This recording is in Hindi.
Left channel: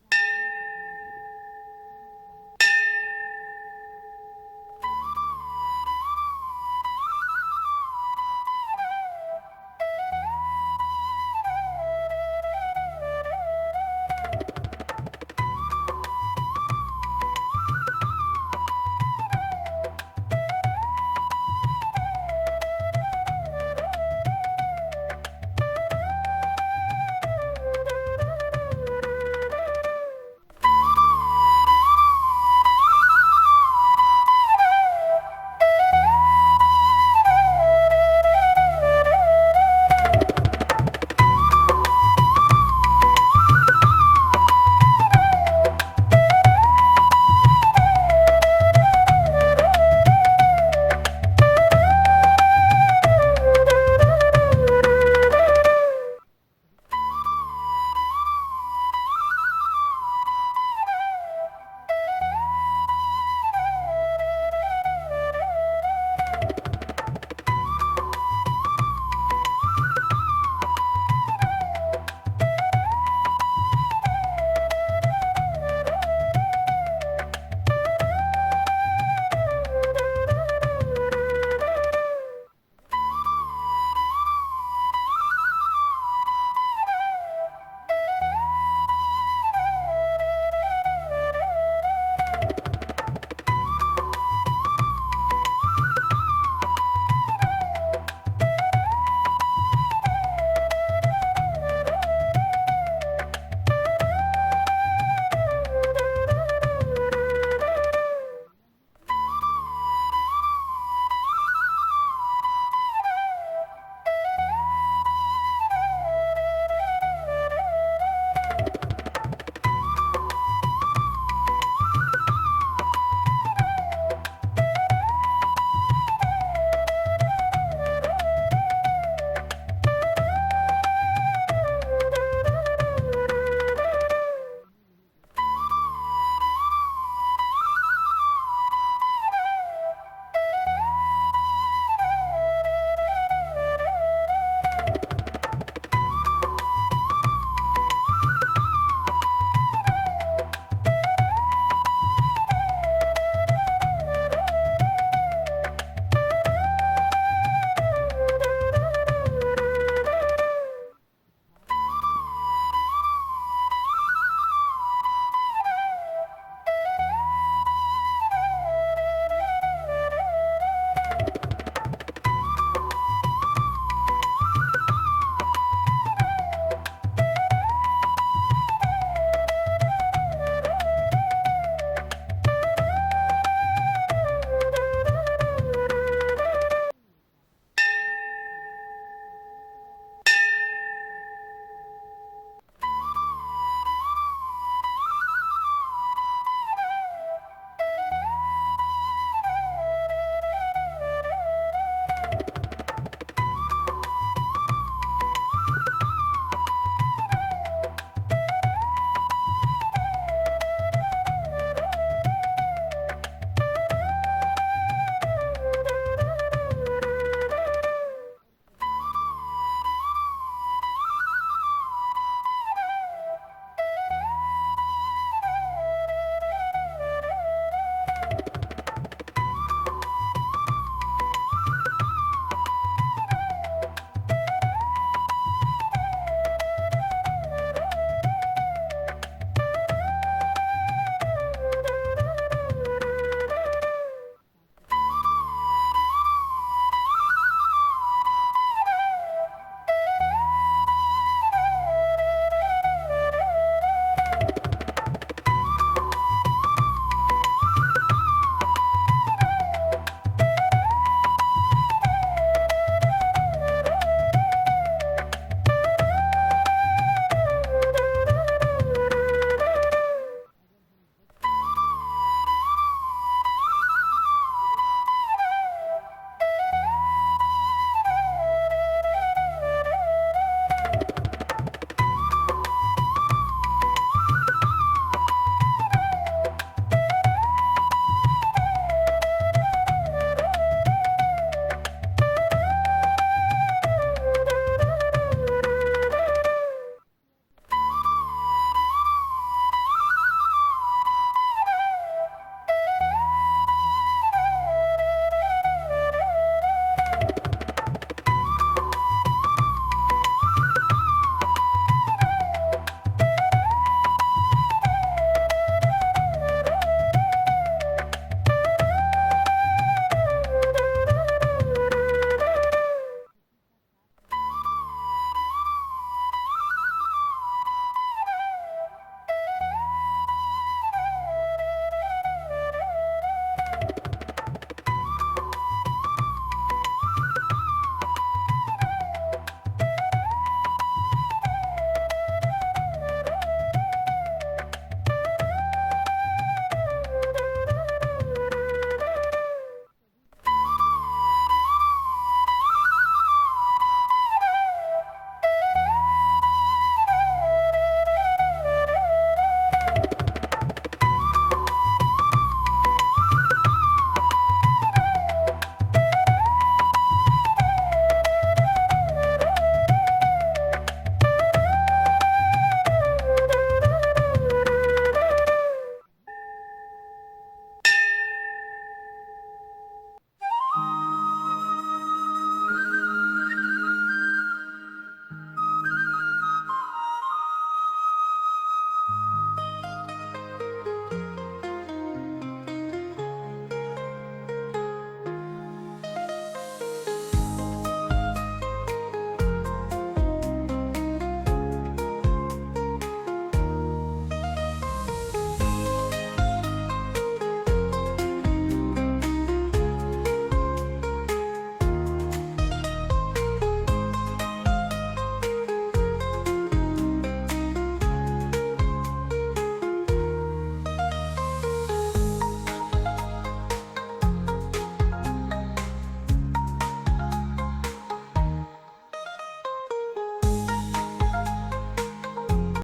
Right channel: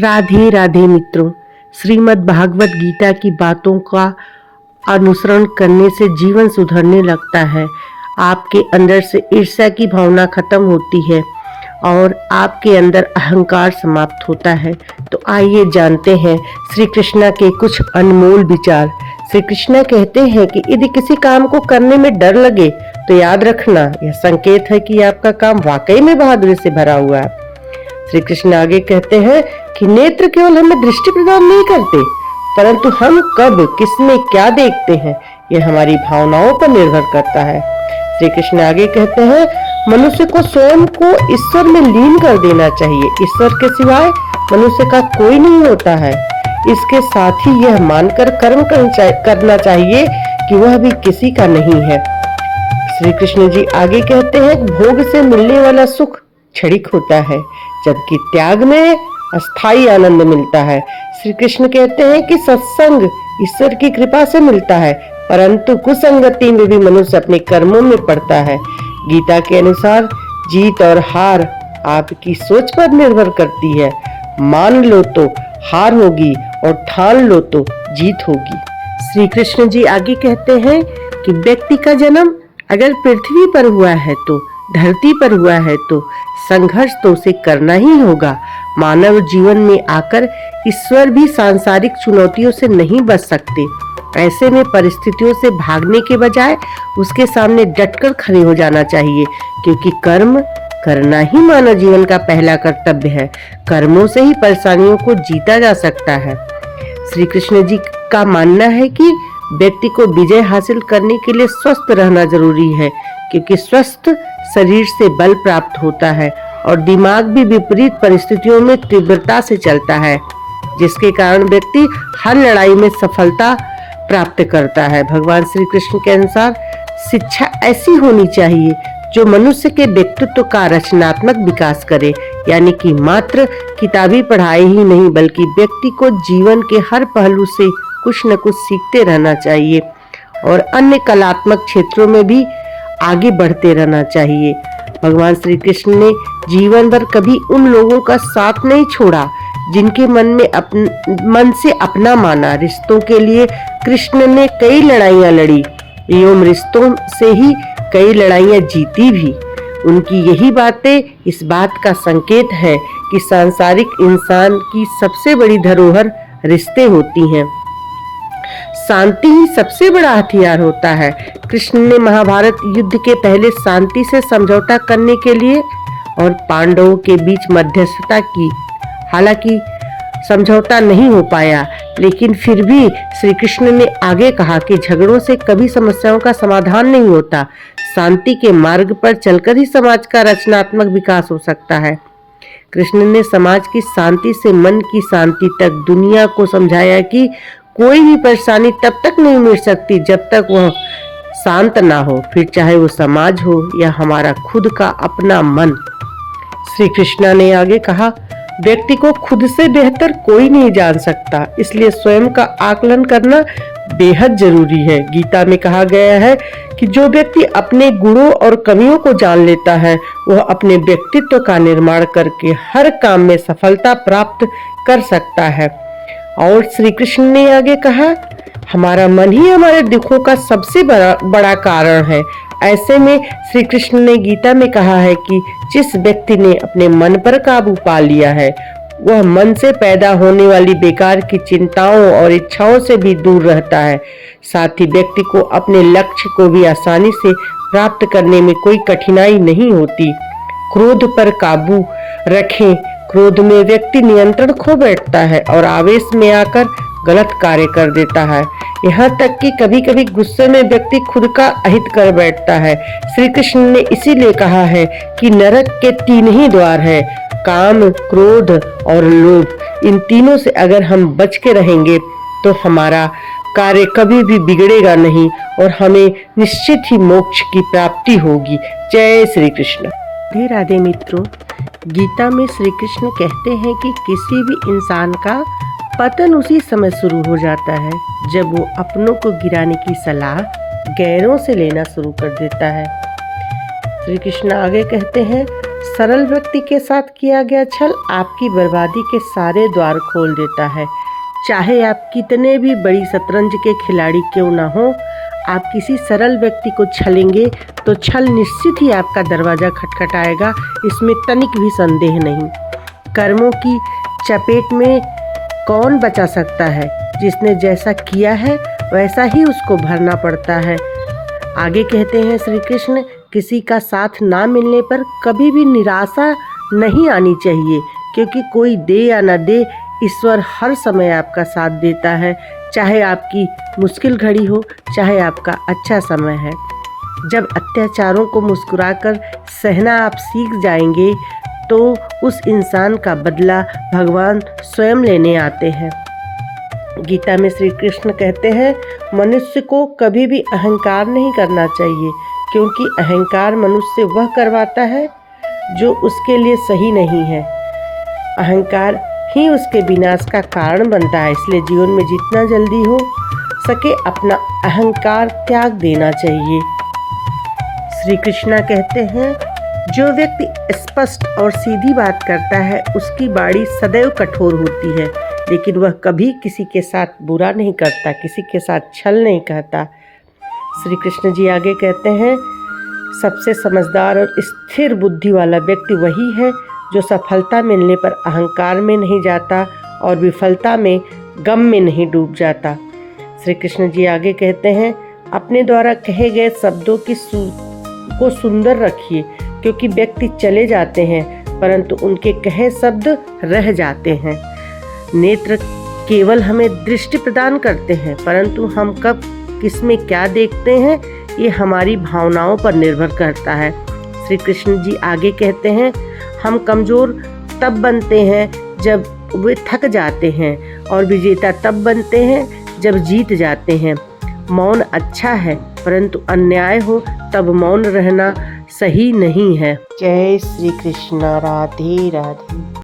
राधे राधे मित्रों। श्रीमद् भागवत गीता की बातों का अनुसरण करने से जीवन सुधरने लगता है। आपके अंदर से ईर्ष्या की भावना खत्म होती है और आपके अंदर अहंकार समाप्त होता है। तो आइए जानते हैं श्री कृष्णा के कुछ अनमोल विचार। श्री कृष्णा कहते हैं कि यदि किसी काम को करने में डर लगे तो याद रखना यह संकेत है कि आपका काम वाकई में बहादुरी से भरा हुआ है। श्री कृष्ण आगे कहते हैं कि नेत्र केवल हमें दृष्टि प्रदान नहीं करते, परंतु हम कब किसमें क्या देखते हैं यह हमारी भावनाओं पर निर्भर करता है। श्री कृष्ण आगे कहते हैं मनुष्य को स्वयं को ईश्वर में लीन कर देना चाहिए। ईश्वर के सिवाय मनुष्य का कोई नहीं होता है। इसके साथ ही यह मानकर कर्म करना चाहिए कि वह भी किसी का नहीं है। श्री कृष्ण जी आगे कहते हैं भोग से मिलने वाला सुख क्षणिक होता है, जबकि त्याग में अस्थाई आनंद मिलता है। श्री कृष्ण कहते हैं कि सत्संग ईश्वर की कृपा से मिलता है, परंतु कुसंगति में भी मनुष्य अपने कर्मों में पड़ता है। गीता के अनुसार जीत और हार आपकी सोच पर निर्भर करती है। मान लो तो हार होगी और ठान लो तो जीत होगी। श्री कृष्ण जी आगे कहते हैं कि व्यक्ति का जन्म अगर पृथ्वी पर हुआ है तो धरती पर हुआ है तो संघर्ष तो उसे करना ही होगा। मानव जीवन में आकर ईश्वर भी सांसारिक चुनौतियों से नहीं बच सकते। ऐसे में परिस्थितियों से भागने के बजाय उसके सामने डटकर खड़े हो जाना चाहिए, क्योंकि कर्म करना ही मानव जीवन का पहला कर्तव्य है। कर्मों से ही परेशानियों को जीता जा सकता है। श्री कृष्ण जी का मानना है कि व्यक्ति को विजय हासिल करने के लिए स्वस्थ रहना जरूरी है, क्योंकि स्वस्थ शरीर से बल प्राप्त होता है और दिमाग भी विपरीत परिस्थितियों में तीव्रता से चलता है, जिसके कारण व्यक्ति हर लड़ाई में सफलता प्राप्त करता है। भगवान श्री कृष्ण के अनुसार शिक्षा ऐसी होनी चाहिए जो मनुष्य के व्यक्तित्व का रचनात्मक विकास करे, यानी कि मात्र किताबी पढ़ाई ही नहीं बल्कि व्यक्ति को जीवन के हर पहलू से कुछ न कुछ सीखते रहना चाहिए और अन्य कलात्मक क्षेत्रों में भी आगे बढ़ते रहना चाहिए। भगवान श्री कृष्ण ने जीवन भर कभी उन लोगों का साथ नहीं छोड़ा जिनके मन से अपना माना। रिश्तों के लिए कृष्ण ने कई लड़ाइयां लड़ी एवं रिश्तों से ही कई लड़ाइयां जीती भी। उनकी यही बातें इस बात का संकेत है कि सांसारिक इंसान की सबसे बड़ी धरोहर रिश्ते होती हैं। शांति ही सबसे बड़ा हथियार होता है। कृष्ण ने महाभारत युद्ध के पहले शांति से समझौता करने के लिए और पांडवों के बीच मध्यस्थता की। हालांकि समझौता नहीं हो पाया, लेकिन फिर भी श्री कृष्ण ने आगे कहा कि झगड़ों से कभी समस्याओं का समाधान नहीं होता। शांति के मार्ग पर चलकर ही समाज का रचनात्मक विकास हो सकता है। कृष्ण ने समाज की शांति से मन की शांति तक दुनिया को समझाया कि कोई भी परेशानी तब तक नहीं मिट सकती जब तक वह शांत ना हो, फिर चाहे वो समाज हो या हमारा खुद का अपना मन। श्री कृष्णा ने आगे कहा व्यक्ति को खुद से बेहतर कोई नहीं जान सकता, इसलिए स्वयं का आकलन करना बेहद जरूरी है। गीता में कहा गया है कि जो व्यक्ति अपने गुणों और कमियों को जान लेता है वह अपने व्यक्तित्व का निर्माण करके हर काम में सफलता प्राप्त कर सकता है। और श्री कृष्ण ने आगे कहा हमारा मन ही हमारे दुखों का सबसे बड़ा कारण है। ऐसे में श्री कृष्ण ने गीता में कहा है कि जिस व्यक्ति ने अपने मन पर काबू पा लिया है वह मन से पैदा होने वाली बेकार की चिंताओं और इच्छाओं से भी दूर रहता है। साथ ही व्यक्ति को अपने लक्ष्य को भी आसानी से प्राप्त करने में कोई कठिनाई नहीं होती। क्रोध पर काबू रखें। क्रोध में व्यक्ति नियंत्रण खो बैठता है और आवेश में आकर गलत कार्य कर देता है। यहाँ तक कि कभी कभी गुस्से में व्यक्ति खुद का अहित कर बैठता है। श्री कृष्ण ने इसीलिए कहा है कि नरक के 3 ही द्वार है, काम, क्रोध और लोभ। इन तीनों से अगर हम बच के रहेंगे तो हमारा कार्य कभी भी बिगड़ेगा नहीं और हमें निश्चित ही मोक्ष की प्राप्ति होगी। जय श्री कृष्ण। राधे राधे मित्रों, गीता में श्री कृष्ण कहते हैं कि किसी भी इंसान का पतन उसी समय शुरू हो जाता है जब वो अपनों को गिराने की सलाह गैरों से लेना शुरू कर देता है। श्री कृष्ण आगे कहते हैं सरल व्यक्ति के साथ किया गया छल आपकी बर्बादी के सारे द्वार खोल देता है। चाहे आप कितने भी बड़ी शतरंज के खिलाड़ी क्यों ना हो, आप किसी सरल व्यक्ति को छलेंगे तो छल निश्चित ही आपका दरवाज़ा खटखटाएगा, इसमें तनिक भी संदेह नहीं। कर्मों की चपेट में कौन बचा सकता है? जिसने जैसा किया है वैसा ही उसको भरना पड़ता है। आगे कहते हैं श्री कृष्ण, किसी का साथ ना मिलने पर कभी भी निराशा नहीं आनी चाहिए, क्योंकि कोई दे या न दे, ईश्वर हर समय आपका साथ देता है। चाहे आपकी मुश्किल घड़ी हो, चाहे आपका अच्छा समय है। जब अत्याचारों को मुस्कुराकर सहना आप सीख जाएंगे तो उस इंसान का बदला भगवान स्वयं लेने आते हैं। गीता में श्री कृष्ण कहते हैं, मनुष्य को कभी भी अहंकार नहीं करना चाहिए, क्योंकि अहंकार मनुष्य वह करवाता है जो उसके लिए सही नहीं है। अहंकार ही उसके विनाश का कारण बनता है। इसलिए जीवन में जितना जल्दी हो सके अपना अहंकार त्याग देना चाहिए। श्री कृष्णा कहते हैं, जो व्यक्ति स्पष्ट और सीधी बात करता है उसकी वाणी सदैव कठोर होती है, लेकिन वह कभी किसी के साथ बुरा नहीं करता, किसी के साथ छल नहीं करता। श्री कृष्ण जी आगे कहते हैं, सबसे समझदार और स्थिर बुद्धि वाला व्यक्ति वही है जो सफलता मिलने पर अहंकार में नहीं जाता और विफलता में गम में नहीं डूब जाता। श्री कृष्ण जी आगे कहते हैं, अपने द्वारा कहे गए शब्दों को सुंदर रखिए, क्योंकि व्यक्ति चले जाते हैं परंतु उनके कहे शब्द रह जाते हैं। नेत्र केवल हमें दृष्टि प्रदान करते हैं, परंतु हम कब किसमें क्या देखते हैं ये हमारी भावनाओं पर निर्भर करता है। श्री कृष्ण जी आगे कहते हैं, हम कमज़ोर तब बनते हैं जब वे थक जाते हैं और विजेता तब बनते हैं जब जीत जाते हैं। मौन अच्छा है, परंतु अन्याय हो तब मौन रहना सही नहीं है। जय श्री कृष्ण। राधे राधे।